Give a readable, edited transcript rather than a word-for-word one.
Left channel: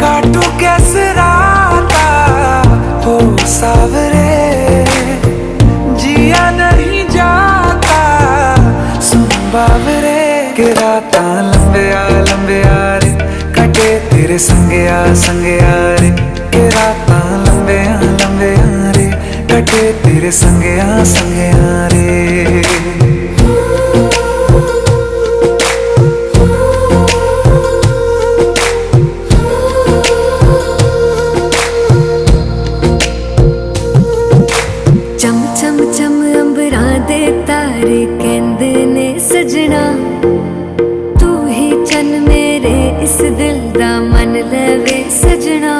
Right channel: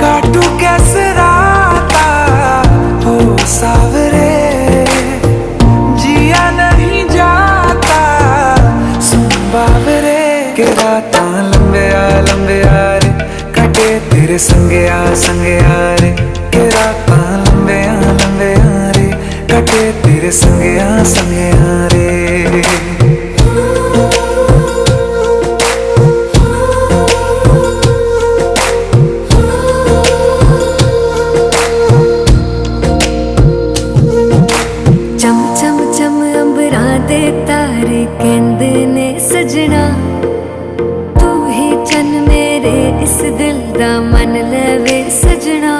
काटू कैसे राता हो सावरे, जिया नहीं जाता सुन बावरे। के राता लंबे आ रे, कटे तेरे संगे आ रे। के राता लंबे आ रे, कटे तेरे संगे आ रे। चम चम चम अंबरां दे तारे कहंदे ने सजना, तू ही चन मेरे इस दिल दा मन लवे सजना।